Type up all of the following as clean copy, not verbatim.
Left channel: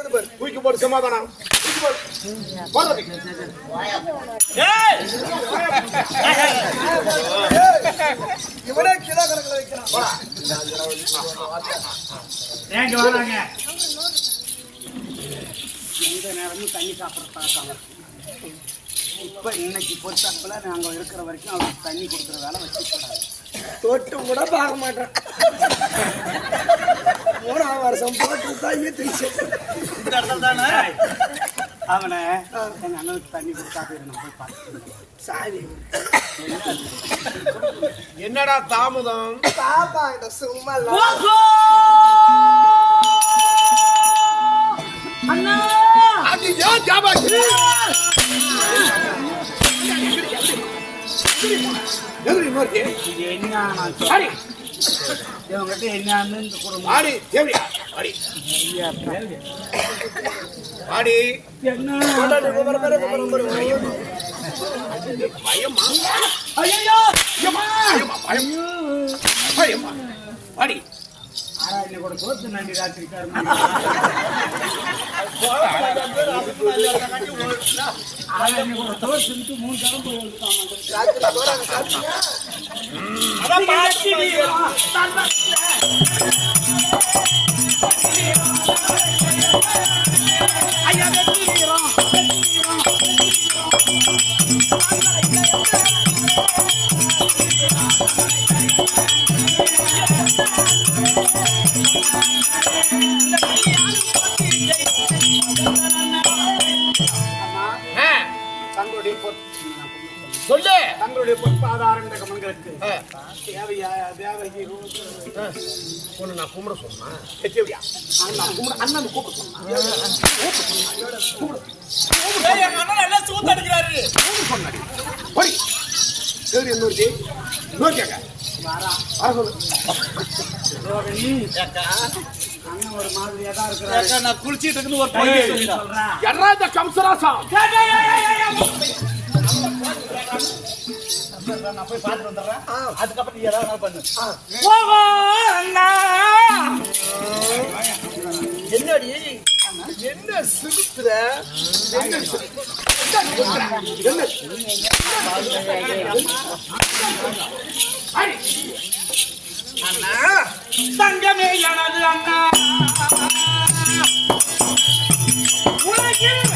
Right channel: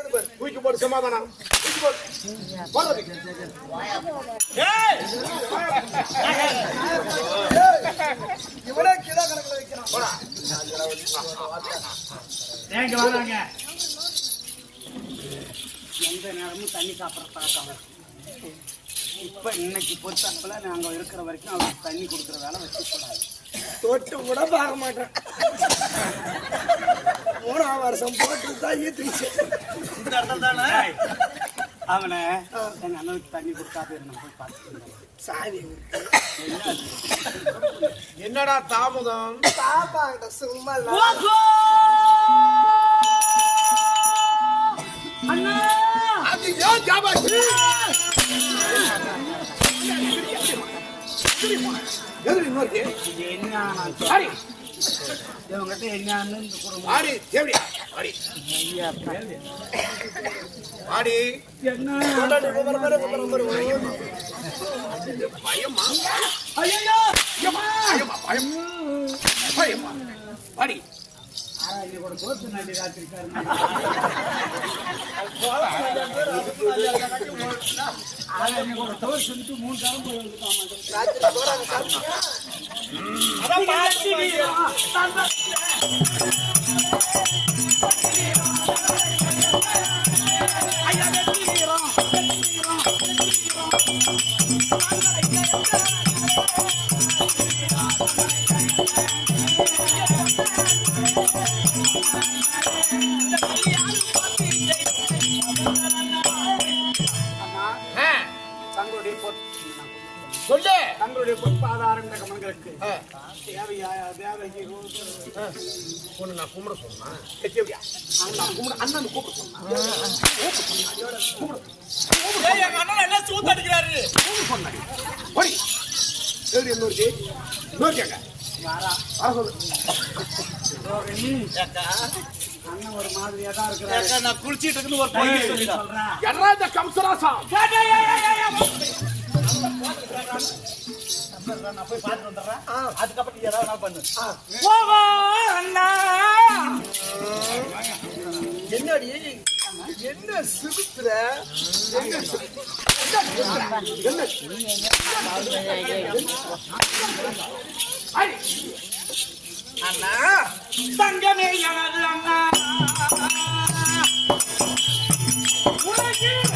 தூக்கி போட்டு சமாதானம். இவனே கிலோ கணக்கில் வைக்கிறான். வராங்க எந்த நேரமும் தண்ணி சாப்பிட்றாங்க. இப்ப இன்னைக்கு பொறுத்தப்பல நாங்க இருக்கிற வரைக்கும் அவருக்கு தண்ணி கொடுக்குற வேலை வச்சுக்கூடாது. தொட்டு கூட பார்க்க மாட்டேன். 3ஆம் வருஷம் அவனை எங்க அண்ணனுக்கு தண்ணி கொடுத்தா போய் பார்த்து சாரி. என்னடா தாமதம்? சும்மா அண்ணா தோத்து நன்றி ராத்திரி தோத்து 3 சொல்லு. தங்களுடைய பொறுப்பாதாரம் நான் கும்பிட சொன்னா அண்ணன் கூப்பிட சொன்னா அண்ணன் ஒரு மாதிரியா தான் இருக்கிறாரு. நான் குளிச்சிட்டு இருந்து ஒரு சொல்றேன். கம்சராசா நான் போய் பார்த்துட்டு வந்துடுறேன். அதுக்கப்புறம் நீ ஏதாவது பண்ணு. என்னடி என்ன சிறுத்துற? அண்ணா தங்கமே எனது அண்ணா உலகில்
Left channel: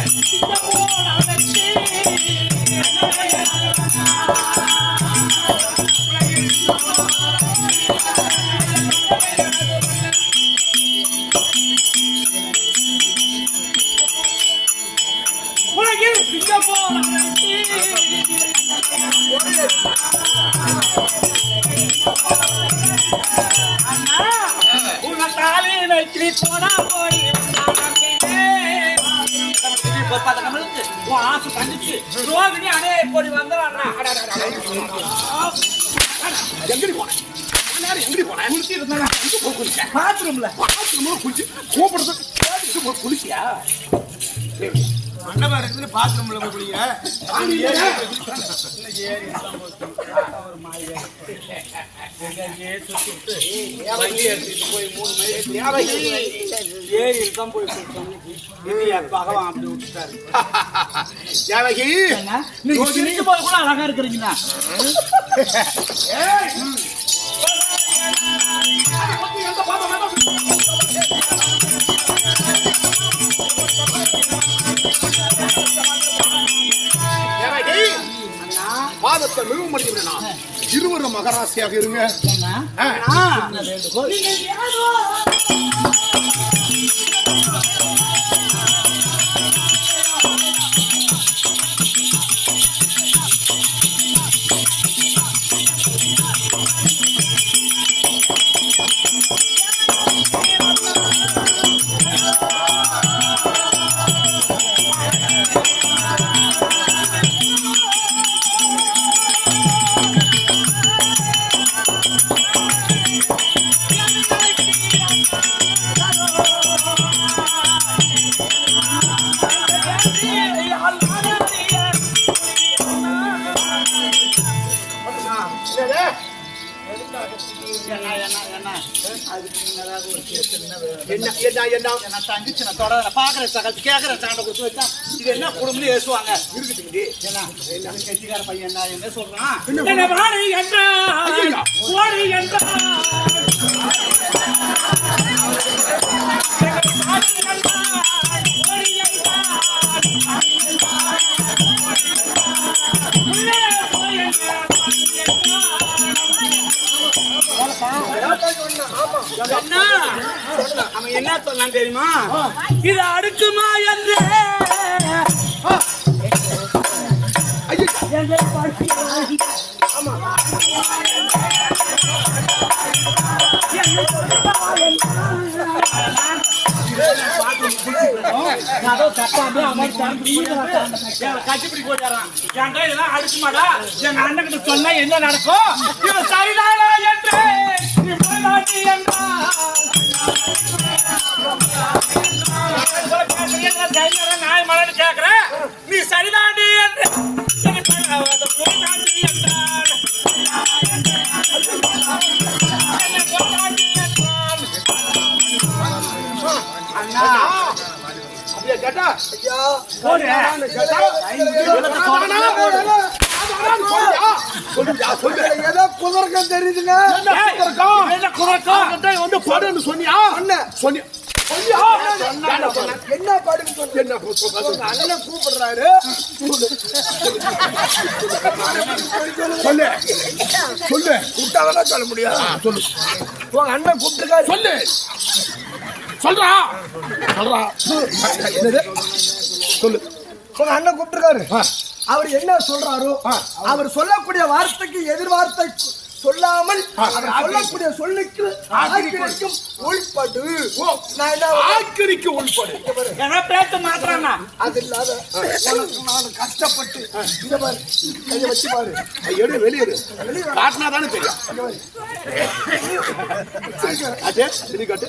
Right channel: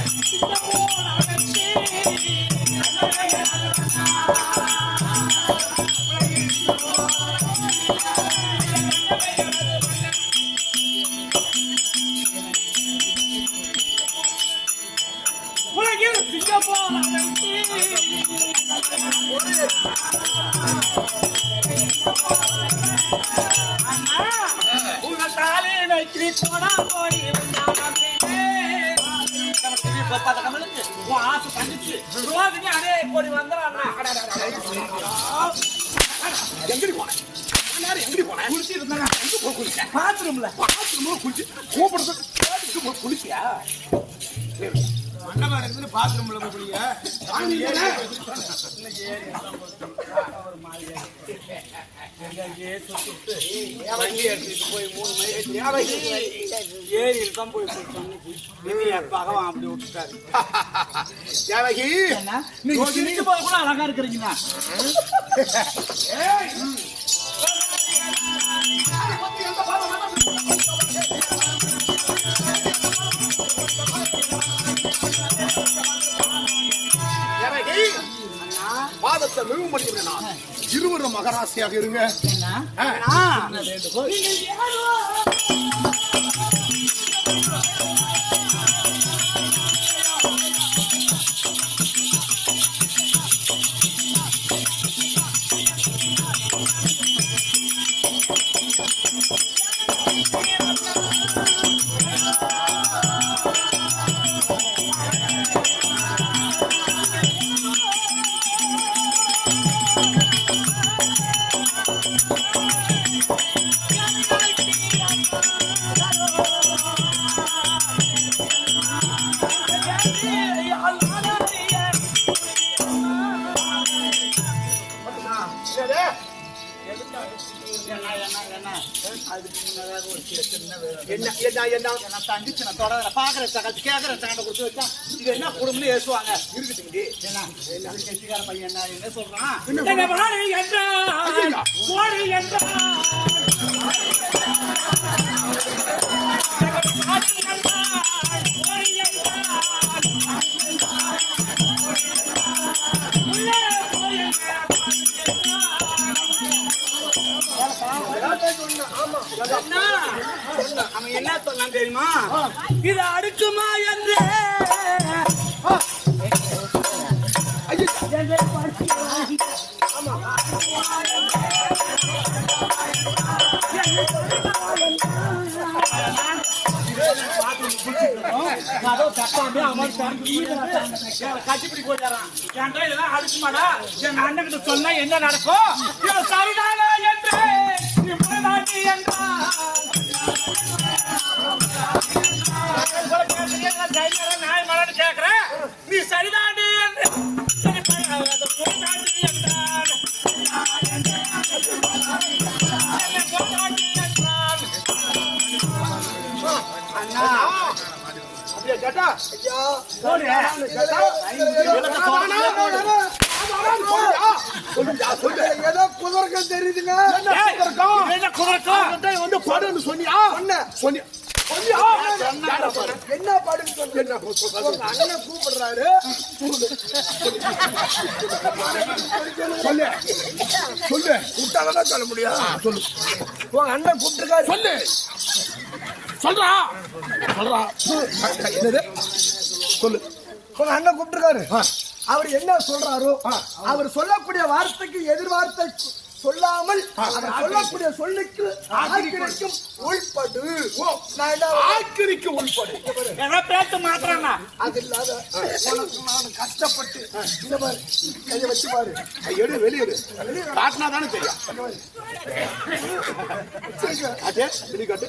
குளிச்சியா மண்டபம் இருக்குது பாத்ரூம்ல போய் குளிங்க. அப்படி விட்டுட்டாரு. கூட அழகா இருக்கிறீங்களா? பாதத்தை நிறுவ இருவரும் மகராசியாக இருங்க. என்ன என்ன என்ன நான் தங்கிச்சு நான் தொடர பாக்குறேன் சகத்து கேட்கறேன் சாண்டை கொடுத்து வச்சா இது என்ன குடும்பம்னு ஏசுவாங்க இருக்குது என்ன கெட்டிக்கார பையன் என்ன சொல்றான் என்ன வாழை என்றான் ஓடி என்றான் அவன் என்ன சொன்னான் தெரியுமா இது அடுக்குமா என்று கட்டிப்பிடி போயிட்டாரான் என் கையில அடுக்குமாடா என் அண்ணன் கிட்ட சொன்னா என்ன நடக்கும் இவன் சரிதானா என்று நாய் மலன்னு கேக்குறேன் நீ சரிதாண்டி என்று அண்ணா அப்படியே கேட்டா ஏதோ குதர்க்கம் தெரியுதுங்க. வந்து படுன்னு சொன்னியா சொன்னியா என்ன பாடுன்னு சொல்லு. என்ன அண்ணன் கூப்பிடுறாரு. சொல்லு சொல்லு கூட்டாதான் சொல்ல முடியும் சொல்லு உங்க அண்ணன் கூப்பிட்டுருக்காரு. சொல்லு சொல்றா சொல்றா என்னது சொல்லு உங்க அண்ணன் கூப்பிட்டுருக்காரு. அவர் என்ன சொல்றாரோ அவர் சொல்லக்கூடிய வார்த்தைக்கு எதிர்வார்த்தை சொல்லாமல் அவர் சொல்லக்கூடிய சொல்லுக்கு ஆக்கிரிக்கும் உள்படு. ஆக்கிரிக்கு உள்படு பேச மாட்டானா அது இல்லாத உனக்கு நான் கஷ்டப்பட்டு இந்த மாதிரி கையை வச்சு பாரு. எடு வெளியேறு காட்டினா தானே தெரியும் காட்டு வெளியே காட்டு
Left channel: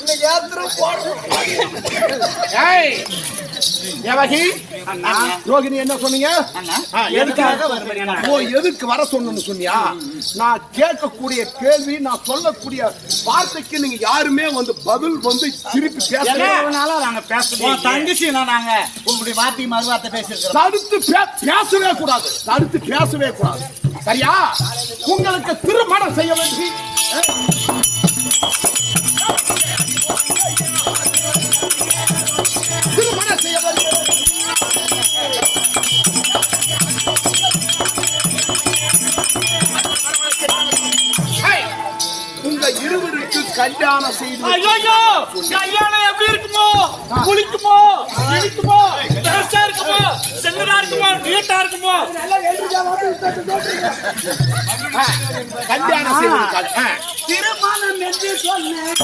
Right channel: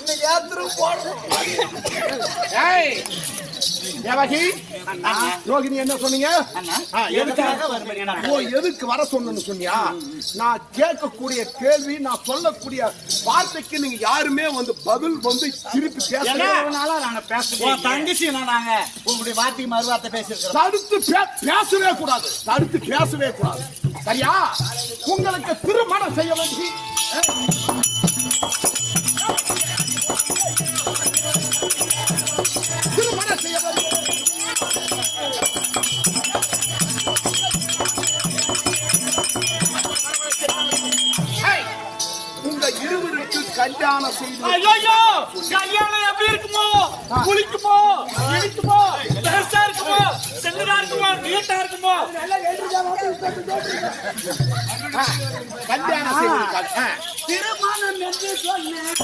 இன்னைக்கு யாத்திரம் போடுறோம். ரோகிணி என்ன சொன்னீங்க எதுக்கு வர சொன்னு சொன்னியா நான் கேட்கக்கூடிய கேள்வி நான் சொல்லக்கூடிய வார்த்தைக்கு நீங்க யாருமே வந்து பதில் வந்து திருப்பி பேசுவோம் தங்கச்சி நாங்க உங்களுடைய வார்த்தை மறுவார்த்தை பேசிருக்கோம் தடுத்து பேசவே கூடாது தடுத்து பேசவே கூடாது சரியா உங்களுக்கு திருமணம் செய்ய வேண்டி திருமணம் செய்ய வேண்டி உங்க இருவருக்கு கல்யாணம் செய்து கல்யாணம் எப்படி இருக்குமோ குளிக்குமோ இனிக்குமோ டேஸ்டா இருக்குமோ செல்லடா இருக்குமோ நீட்டா இருக்குமோ கல்யாணம் செய்து திருமணம் என்று சொன்னேன்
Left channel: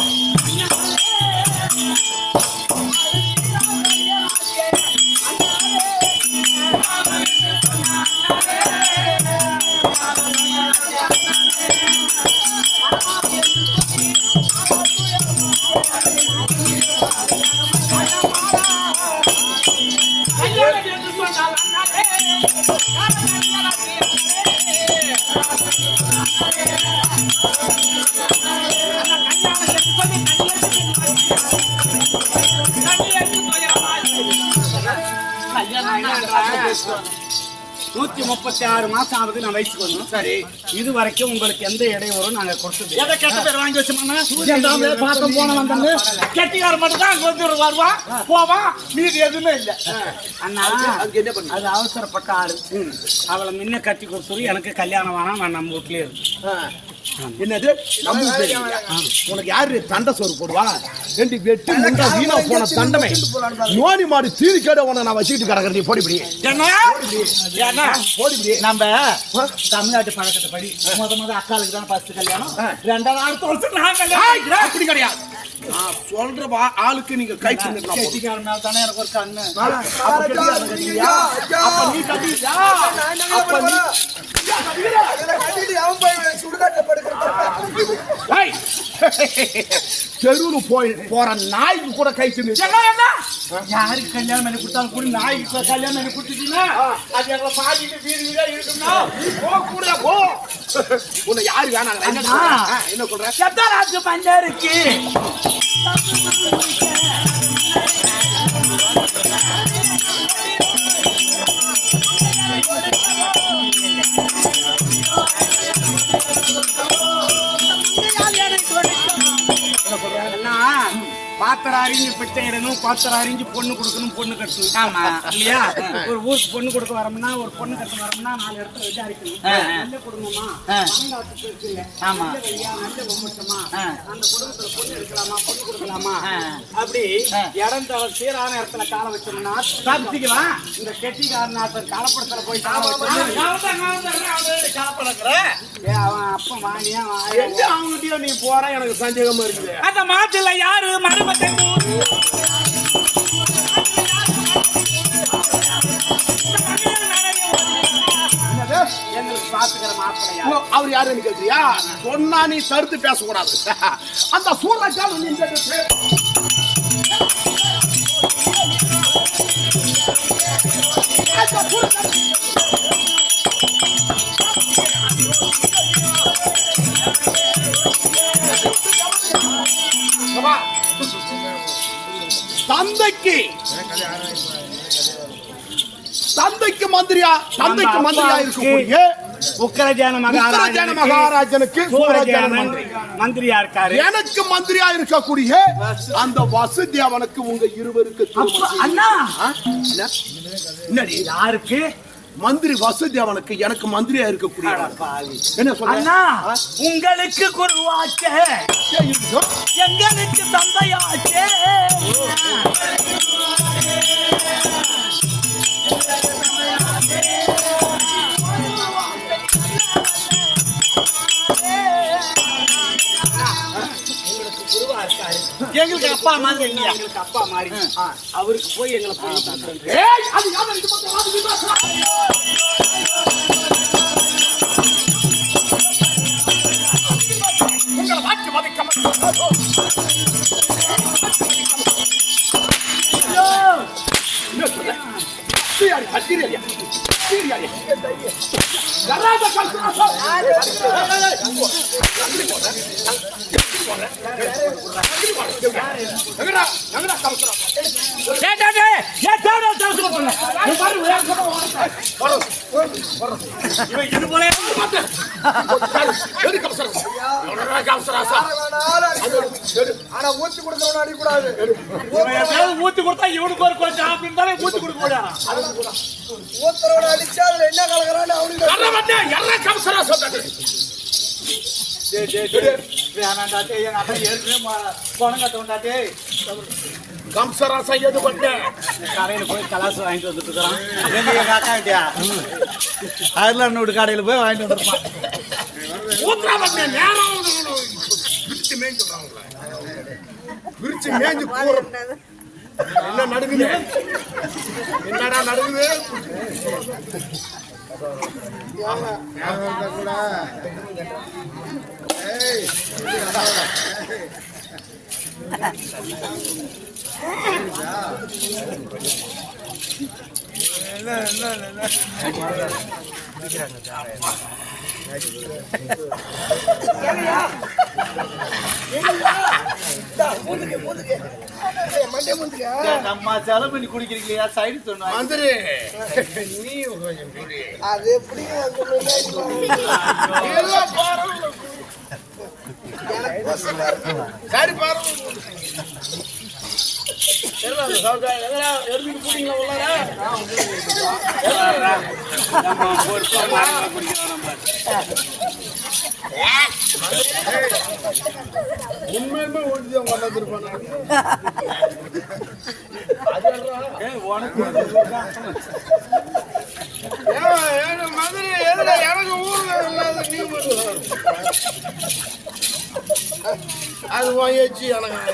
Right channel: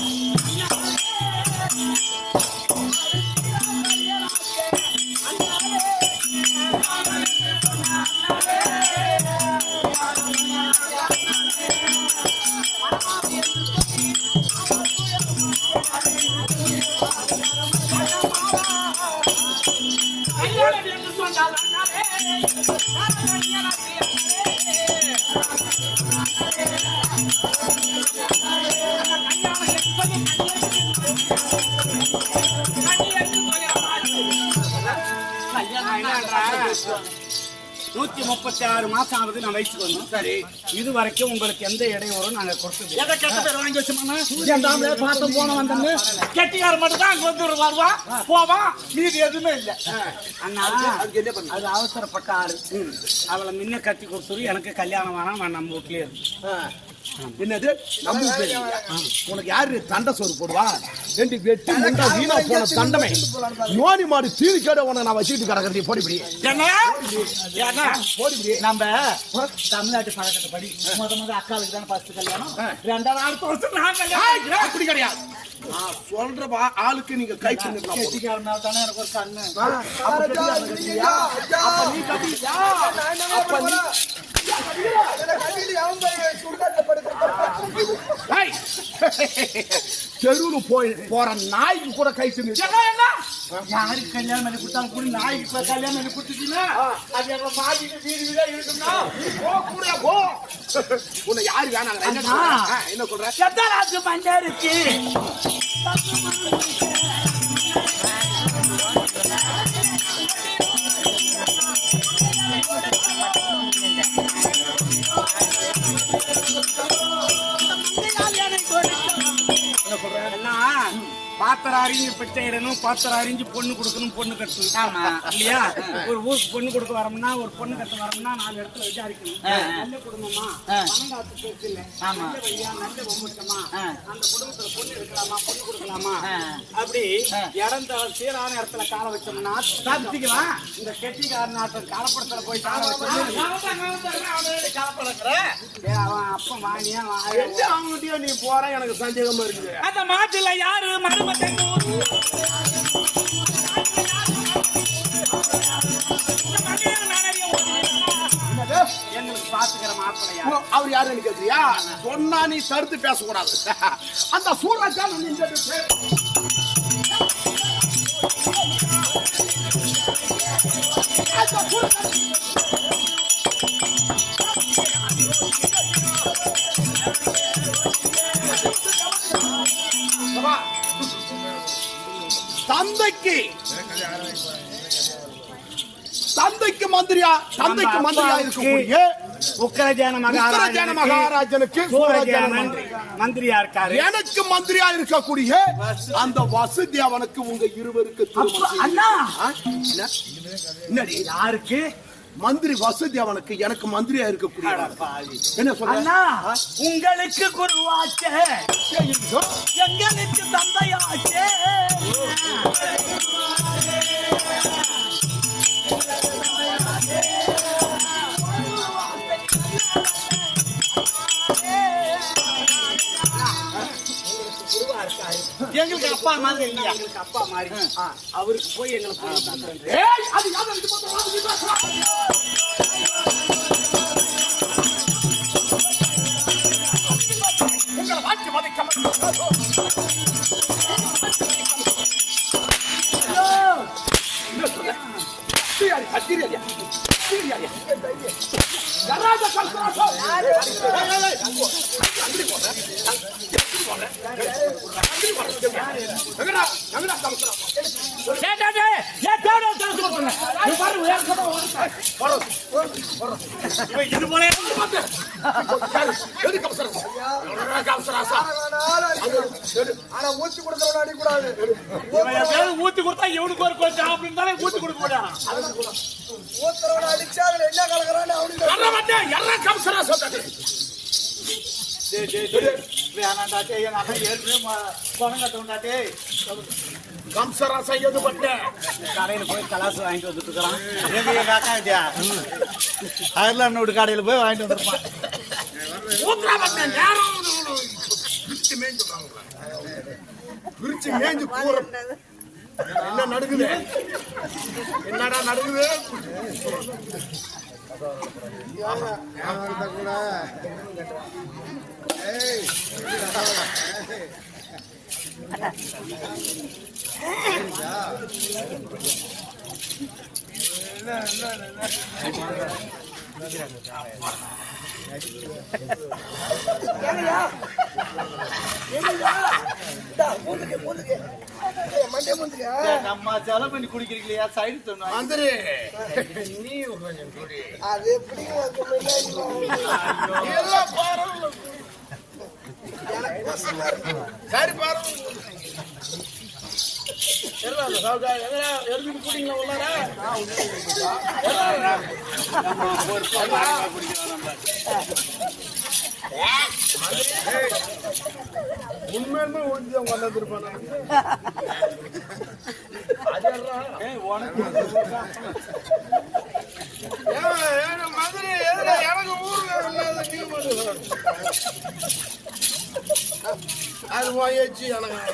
நூத்தி 36 மாசம் ஆகுது நான் வயசுக்கு வரணும். சரி இது வரைக்கும் உங்களுக்கு எந்த இடையூறும் நாங்க கொடுத்தது எதை கெட்ட பேர் வாங்கி வச்சோம்னா பார்த்தோம் போன வந்தாங்க கெட்டிக்கார மட்டும் தான் அங்க வந்து வருவான் போவான் மீது எதுவுமே இல்லை. அண்ணா அது அவசரப்பட்ட ஆளு அவளை முன்ன கட்டி கொடுத்துரு எனக்கு கல்யாணம் வேணாம் நான் நம்ம வீட்லயே இருக்கு. என்னது நம்ம உனக்கு யாரு தண்டை சோறு போடுவா ரெண்டு வெட்டி வீணா போன தண்டனை நோடி மாடி தீனி கேட உன நான் வச்சுக்கிட்டு கிடக்குறது போடிபடி போடிபடி நம்ம தமிழ்நாட்டு பழக்கத்தை படி முத அக்காளுக்கு தான் ஃபர்ஸ்ட் கல்யாணம் 2வது வருஷம் அப்படி கிடையாது சொல்ற ஆளுக்கு நீங்க கை கெட்டிக்காரனால தானே எனக்கு ஒரு கண்ணு நீ கட்டியா தெருவுல போற நாய்க்கு கூட கை தின்னு யாருக்கு கல்யாணம் பண்ணி கொடுத்தாலும் கூட நாய்க்கு கல்யாணம் பண்ணி கொடுத்துட்டீங்கன்னா அது எங்களை மாட்டிட்டு வீடு வீடா இருக்குன்னா கூட போ. உன்னை யாரு வேணாங்க என்ன சொல்ற? செத்தாராக்கு பஞ்சாருக்கு பாத்திரம் அறிஞ்சு பிட்டை இடணும், பாத்திரம் அறிஞ்சு பொண்ணு கொடுக்கணும், பொண்ணு கட்டணும். ஆமா இல்லையா? ஒரு ஊருக்கு பொண்ணு கொடுக்க வரோம்னா, ஒரு பொண்ணு கட்ட வரோம்னா 4 இடத்துல விசாரிக்கணும். நல்ல குடும்பமா, ஆமா, நல்ல குடும்பமா, அந்த குடும்பத்துல பொண்ணு எடுக்கலாமா, பொண்ணு கொடுக்கலாமா, அப்படி இடம் தர சீரான இடத்துல கால வச்சோம்னா சாப்பிட்டுக்கலாம். இந்த கெட்டிக்காரன் காலப்படத்துல போய் கால வச்சோம் அவன் அப்ப வாணியா அவங்ககிட்டயோ நீ போற எனக்கு சந்தேகமா இருக்கு. அந்த மாட்டுல யாரு மருமத்தை பாத்துக்கிற மாப்பிளையா அவர் யாருன்னு கேட்டியா? சொன்னா நீ தடுத்து பேசக்கூடாது. அந்த சூரக்காரன் தந்தைக்கு மந்திரியா இருக்கக்கூடிய உக்கிரஜான மகாராஜனுக்கு மந்திரியா இருக்காரு. எனக்கு மந்திரியா இருக்கக்கூடிய அந்த வசதி அவனுக்கு உங்க இருவருக்கு அண்ணா என்னடி யாருக்கு மந்திரி வசதி அவனுக்கு எனக்கு மந்திரியா இருக்கக்கூடிய என்ன சொல்ற? உங்களுக்கு குருவாக்க எங்களுக்கு தந்தையாக்க எங்களுக்கு அப்பா மாதிரி இல்லையா? எங்களுக்கு அப்பா மாதிரி அவருக்கு போய் எங்களை ஆனா ஊத்தி கொடுக்கறவன அடிக்கூடாது. ஊத்தி கொடுத்தா இவனுக்கு ஒரு கொஞ்சம் அப்படின்னு தானே ஊத்தி கொடுக்க கூடாது. ஊத்துறவன அடிச்சா அதுல என்ன கலக்குறான்னு அவனுக்கு கம்சராசம் எது பண்ணேன் போய் கலாசம் வாங்கிட்டு வந்துட்டு இருக்கிறான். அயர்லாந்து கடையில போய் வாங்கிட்டு வந்துருப்பான். விரிச்சு மேய்ஞ்சு போற என்ன நடக்குது? என்னடா நடக்குது? அம்மா செலவு பண்ணி குடிக்கிறீங்களா? சைடு சொன்னா மந்திரி நீ அது எப்படி சரி பாரு உண்மையுமே ஒன்றுதான் வளர்ந்துருப்பாங்க. மதுரை எனக்கு ஊர்ல நீ அது வாயச்சு எனக்கு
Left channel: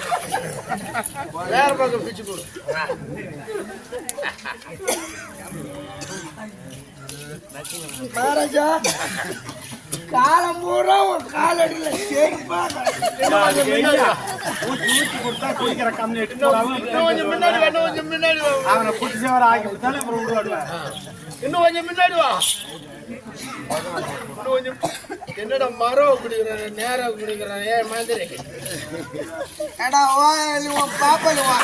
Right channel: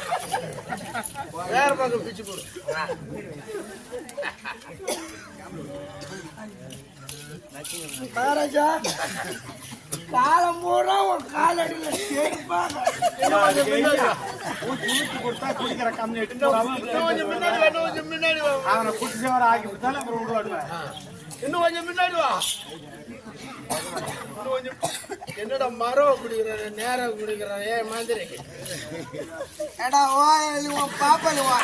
வேற பக்கம் பிச்சு போடு. மகாராஜா காலம் பூரா உன் காலடியில சேர்ப்பா ஊத்தி கொடுத்தா குடிக்கிற கம்யூனிட்டி அவனை குடிச்சவரை ஆக்கி கொடுத்தாலும் அப்புறம் விடுவாடுவேன். இன்னும் கொஞ்சம் முன்னாடி வா. என்னடா மரம் குடிக்கிறேன், நேரம் குடிக்கிறேன். ஏன் மாதிரி ஏடா வா உன் பாப்பல வா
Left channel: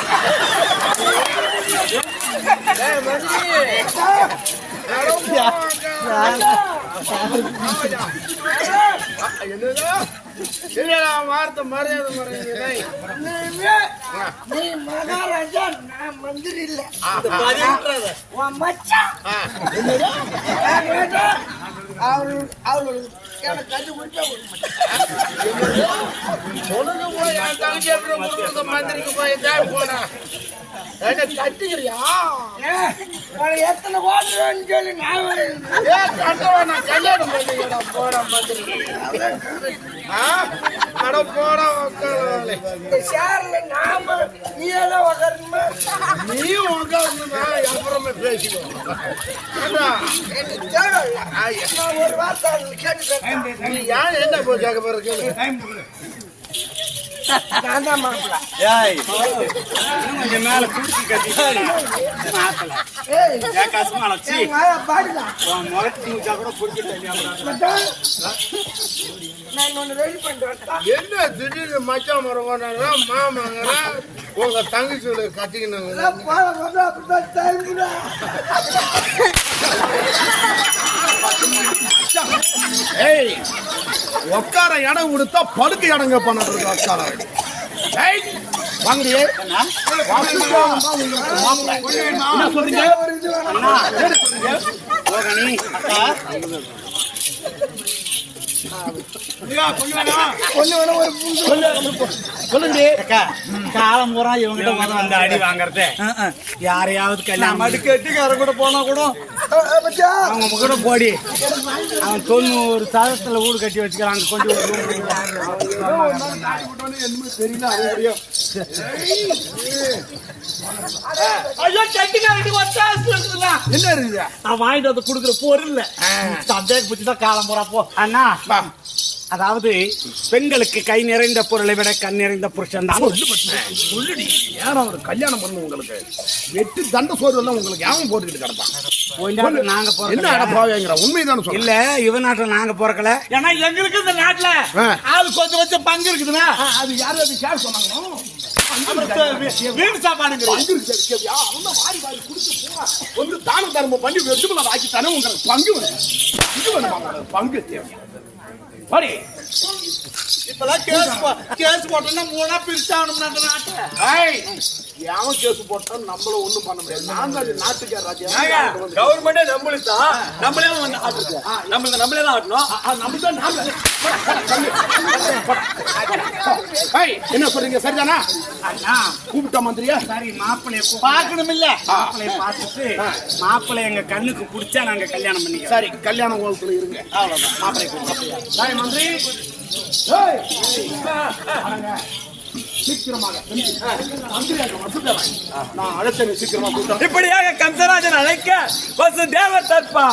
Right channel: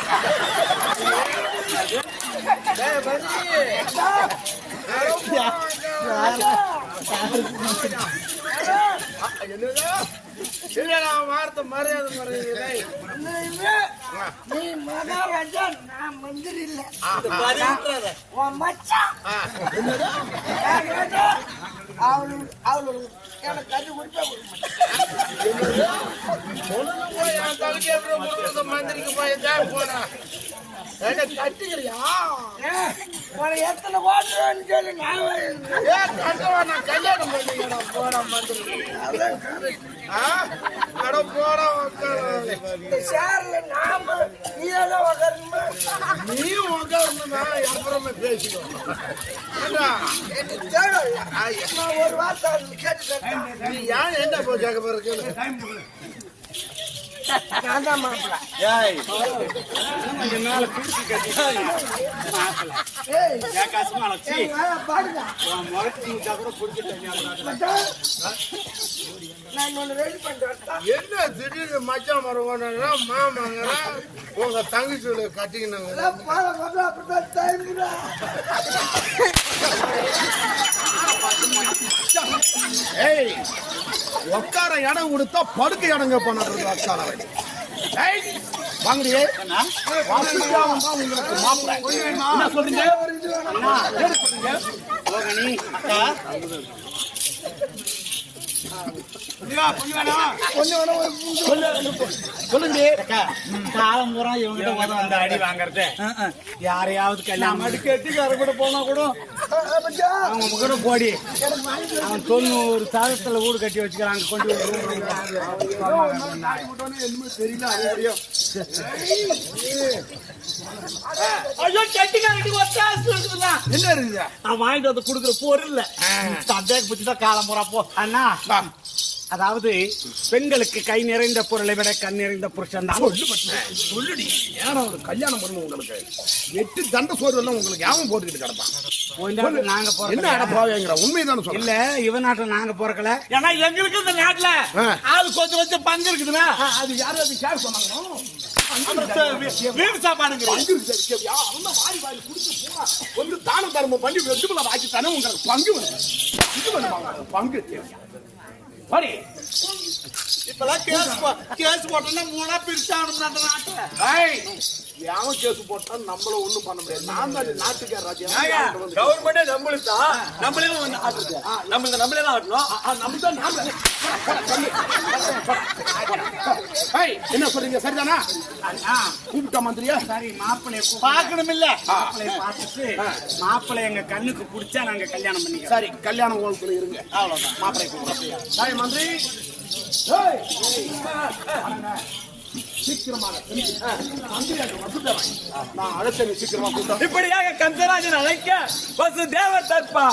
என்னடா வார்த்தை மரியாதை மரியாதை. நீ மகாராஜா, நான் மந்திரி இல்ல. உன் மச்சான் அவரு எனக்கு கட்டி குடிச்சா மந்திரிக்கு போய் போனா கட்டிக்கிறியா? எத்தனை ஓட்டுறேன்னு சொல்லி நான் நான் கல்யாணம் பண்ணிக்கிறேன். போட போட சேர்ல நாம நீ எல்லாம் உக்காரணுமா? நீ உட்காந்து அப்புறமே பேசிடுவோம். ஒரு வார்த்தை கேட்டு யார் என்ன போய் கேட்க போறது? நான் தான் மாப்பிள்ள. மேல குடிச்சு கட்டி கஷ்டமான பாடுங்க முகத்து கூட குடிச்சிட்டு நான் ஒண்ணு ரெடி பண்றேன். என்ன திடீர்னு மச்சான் மரம் மாமாங்க உங்க தங்கச்சி கட்டிக்கணும். அப்படிதான் டைம் உட்கார இடம் கொடுத்தா படுக்க இடங்க பண்ணது உட்கார வாங்க காலம் பூரா இவங்கிட்ட வந்து அடி வாங்கறது யாரையாவது கல்யாணம் கட்டிக்கார கூட போனா கூட அவங்க கூட போடி அவன் 90 சாதத்துல ஊடு கட்டி வச்சுக்கிறாங்க. கொஞ்சம் என்ன இருக்குது? நான் வாங்கிட்டு வந்து கொடுக்குற பொருள் சந்தேகம் பிடிச்சுதான் காலம் பூரா போ அண்ணா. அதாவது பெண்களுக்கு கை நிறைந்த பொருளை விட கண் நிறைந்த புருஷன் தான். சொல்லுடி, ஏன்னா ஒரு கல்யாணம் பண்ணு உங்களுக்கு 8 தண்ட சோறு எல்லாம் உங்களுக்கு யாவும் போட்டுக்கிட்டு கிடப்பான். நாங்க என்ன அடப்பாவேங்கிற உண்மைதான சொல்ல. இல்ல இவ நாட்டுல நாங்க பிறக்கல. ஏன்னா எங்களுக்கு இந்த நாட்டுல அது கொஞ்சம் கொஞ்சம் பங்கு இருக்குதுன்னா அது யாரும் அது கேர் சொன்னாங்க. வீட்டு சாப்பாடு வந்து தானம் தர்மம் பண்ணி வெற்றுமலை ஆக்கி தானே உங்களுக்கு பங்கு பங்கு தேவையா? இப்பெல்லாம் கேஸ் போட்டோம்னா 3 பிரிச்சாகணும் அந்த நாட்டுல. யாவும் கேஸ் போட்டா நம்மள ஒண்ணும் பண்ண முடியாது. நான் தான் நாட்டுக்காரர். கவர்மெண்டே நம்மளுக்கு நம்மளே நம்மளே தான் ஆட்டணும். நம்ம தான் என்ன சொல்றீங்க? சரிதானா? கூப்பிட்ட மந்திரியா? சரி, மாப்பிள்ளைய பார்க்கணும் இல்ல? மாப்பிள்ளைய பார்த்துட்டு மாப்பிள்ளை எங்க கண்ணுக்கு பிடிச்சா நாங்க கல்யாணம் பண்ணிக்கிறோம். சரி, கல்யாண கோலத்துல இருங்க. அவ்வளவுதான். மாப்பிள்ளை மந்திரி சீக்கிரமாக நான் அழைச்ச சீக்கிரமா கூட்டம். இப்படியாக கந்தராஜன் அழைக்க வசுதேவர் தற்பா